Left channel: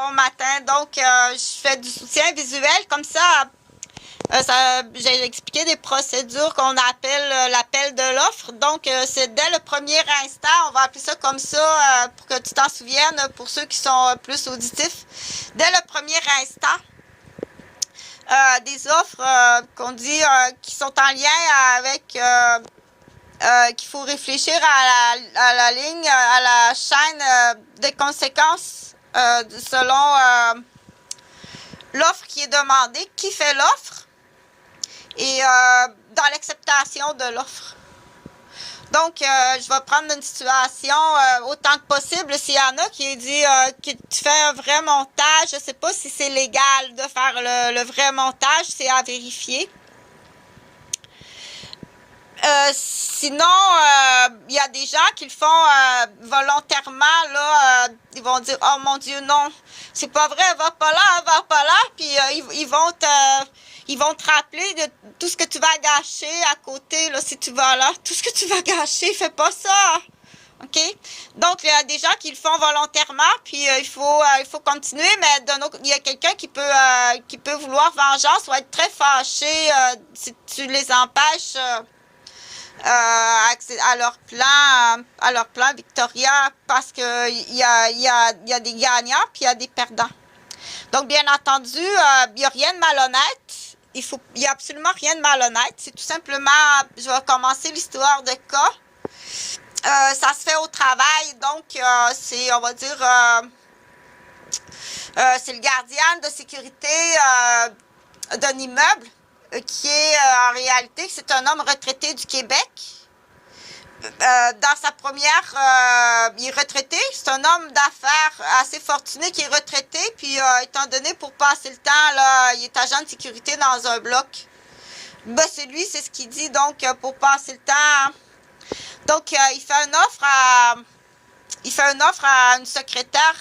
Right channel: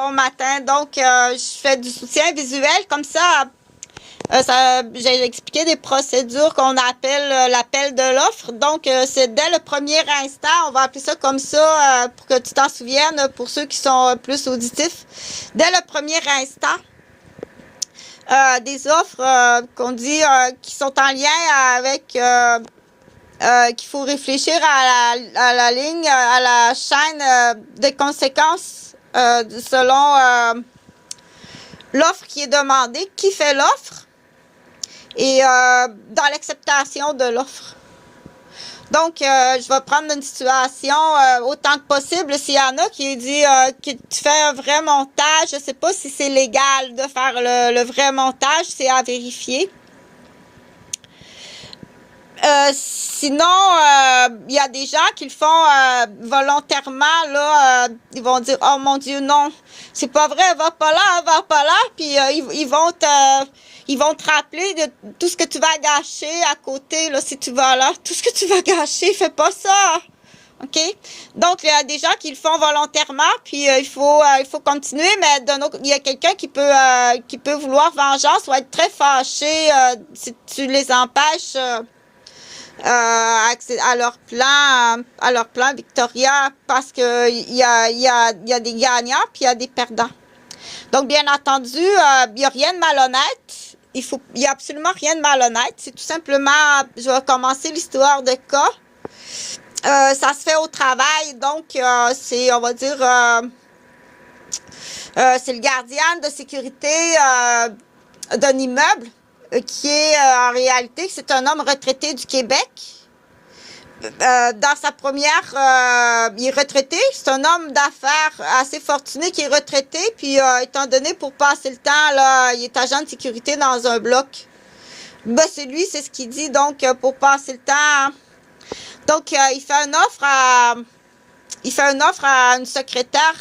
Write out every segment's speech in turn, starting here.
Bon matin, donc je fais du soutien visuel comme ça. J'ai expliqué des procédures qu'on appelle l'appel de l'offre. Donc, c'est dès le premier instant, on va appeler ça comme ça pour que tu t'en souviennes pour ceux qui sont plus auditifs. Dès le premier instant, des offres qu'on dit qui sont en lien avec qu'il faut réfléchir à la ligne, à la chaîne des conséquences selon l'offre qui est demandée, qui fait l'offre et dans l'acceptation de l'offre. Donc, je vais prendre une situation autant que possible. S'il y en a qui dit que tu fais un vrai montage, je ne sais pas si c'est légal de faire le vrai montage, c'est à vérifier. Sinon, il y a des gens qui le font volontairement, là, ils vont dire, oh mon Dieu, non, c'est pas vrai, va pas là, puis ils vont te rappeler de tout ce que tu vas gâcher à côté, là, si tu vas là, tout ce que tu vas gâcher, fais pas ça, ok? Donc, il y a des gens qui le font volontairement, puis il faut continuer, mais d'un autre, il y a quelqu'un qui peut vouloir vengeance ou être très fâché si tu les empêches à leur plan Victoria, parce que il y a des gagnants puis il y a des perdants. Donc bien entendu, il y a rien de malhonnête. Il y a absolument rien de malhonnête. C'est tout simplement, je vais commencer l'histoire de cas. Ça se fait au travail, donc c'est, on va dire, c'est le gardien de sécurité d'un immeuble. Qui est en réalité, c'est un homme retraité du Québec. Dans sa première, il est retraité. C'est un homme d'affaires assez fortuné qui est retraité. Puis, étant donné pour passer le temps, là, il est agent de sécurité dans un bloc. Ben, c'est lui, c'est ce qu'il dit. Donc, pour passer le temps. Donc, il fait une offre à une secrétaire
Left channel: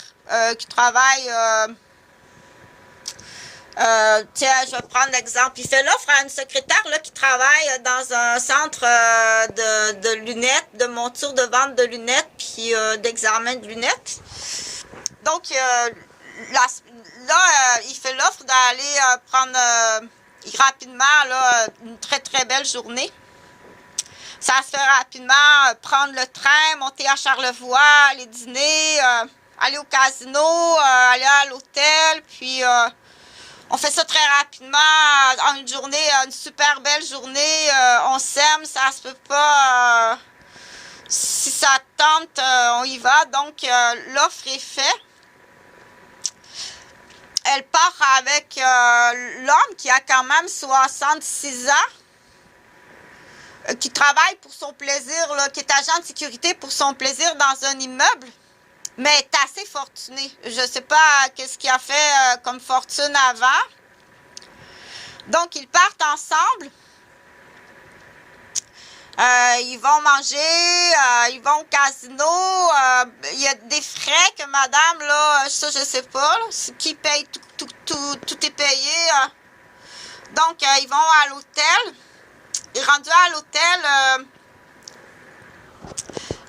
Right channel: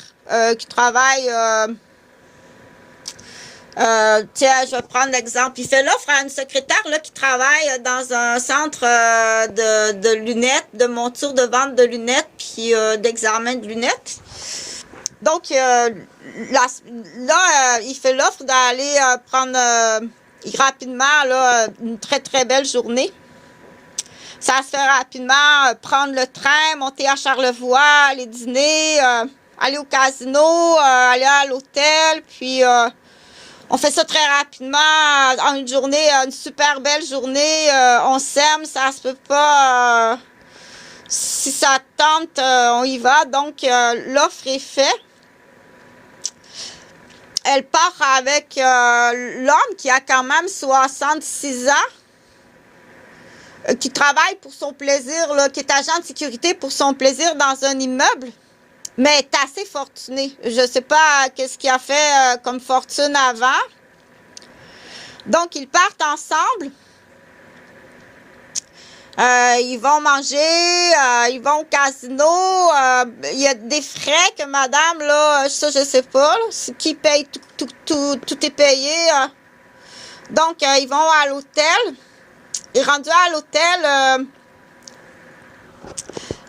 qui travaille. Tiens, je vais prendre l'exemple. Il fait l'offre à une secrétaire là qui travaille dans un centre de lunettes, de monture de vente de lunettes, puis d'examen de lunettes. Donc là, il fait l'offre d'aller prendre rapidement là une très très belle journée. Ça se fait rapidement, prendre le train, monter à Charlevoix, aller dîner, aller au casino, aller à l'hôtel, puis on fait ça très rapidement, en une journée, une super belle journée, on s'aime, ça se peut pas, si ça tente, on y va, donc l'offre est faite. Elle part avec l'homme qui a quand même 66 ans, qui travaille pour son plaisir, là, qui est agent de sécurité pour son plaisir dans un immeuble. Mais est assez fortuné. Je sais pas qu'est-ce qu'il a fait comme fortune avant. Donc, ils partent ensemble. Ils vont manger, ils vont au casino. Il y a des frais que madame, là, ça, je sais pas. Là, qui paye tout est payé. Donc, ils vont à l'hôtel. Et rendu à l'hôtel,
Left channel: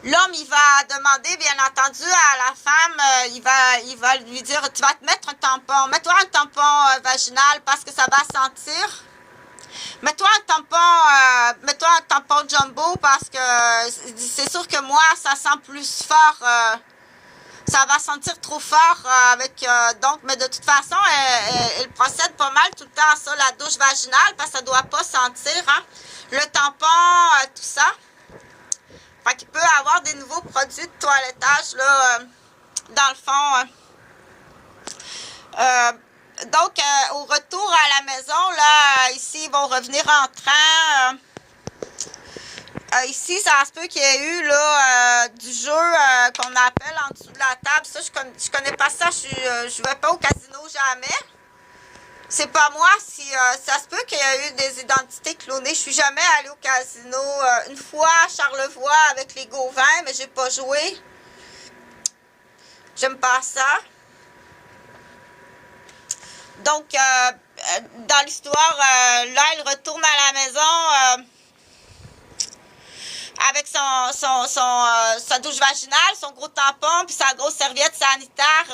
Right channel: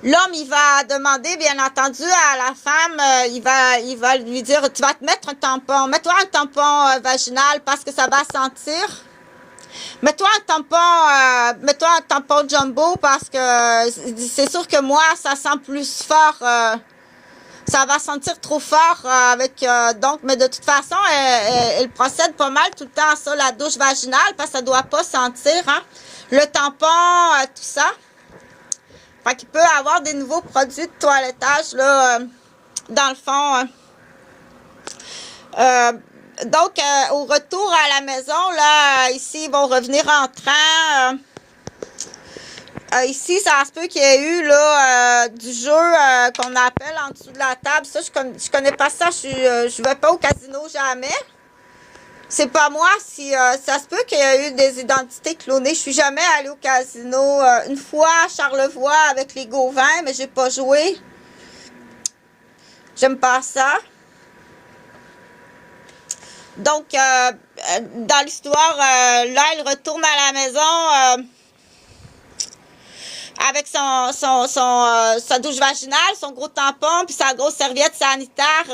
l'homme, il va demander, bien entendu, à la femme, il va lui dire, tu vas te mettre un tampon, mets-toi un tampon vaginal parce que ça va sentir. Mets-toi un tampon jumbo parce que c'est sûr que moi, ça sent plus fort, ça va sentir trop fort donc, mais de toute façon, elle procède pas mal tout le temps à ça, la douche vaginale, parce que ça doit pas sentir, hein. Le tampon, tout ça. Fait qu'il peut avoir des nouveaux produits de toilettage, là, dans le fond. Donc, au retour à la maison, là, ici, ils vont revenir en train. Ici, ça se peut qu'il y ait eu, là, du jeu qu'on appelle en dessous de la table. Ça, je connais pas ça. Je vais pas au casino jamais. C'est pas moi. Si ça se peut qu'il y ait eu des identités clonées. Je suis jamais allée au casino. Une fois à Charlevoix avec les Gauvins, mais j'ai pas joué. J'aime pas ça. Donc, dans l'histoire, là, elle retourne à la maison avec sa douche vaginale, son gros tampon, puis sa grosse serviette sanitaire.